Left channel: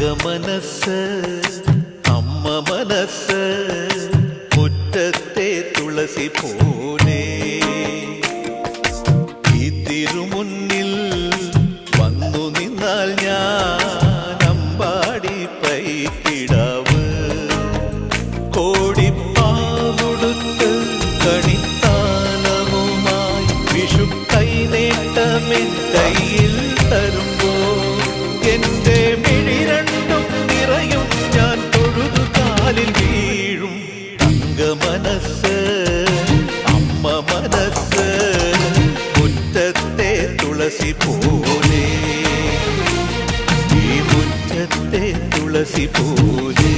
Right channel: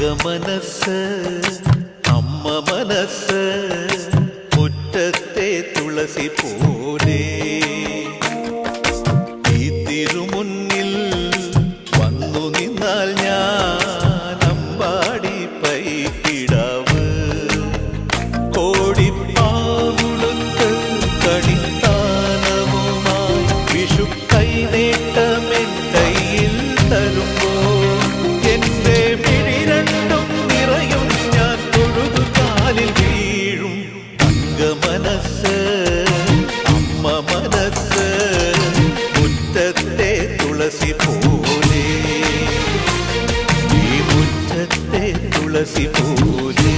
മനസ്സ് അമ്മ മനസ്സ് മുറ്റത്തെ തുളസി പോലെ ഈ തിരുമുന്നിൽ വന്നു നിന്നാൽ ഞാൻ അമ്പാടി പൈക്കിടാവ് കോടിപ്പാവുടുത്ത് കണിത്താലവുമായി വിഷു കൈനേട്ടമെൻ കയ്യിൽ തരുമ്പോൾ എന്റെ മിഴി രണ്ടും നിറയും ഞാൻ തൊഴുതു കാലിൽ വീഴും തങ്ക മനസ്സ് അമ്മ മനസ്സ് മുറ്റത്തെ തുളസി പോലെ ഈ മുറ്റത്തെ തുളസി പോലെ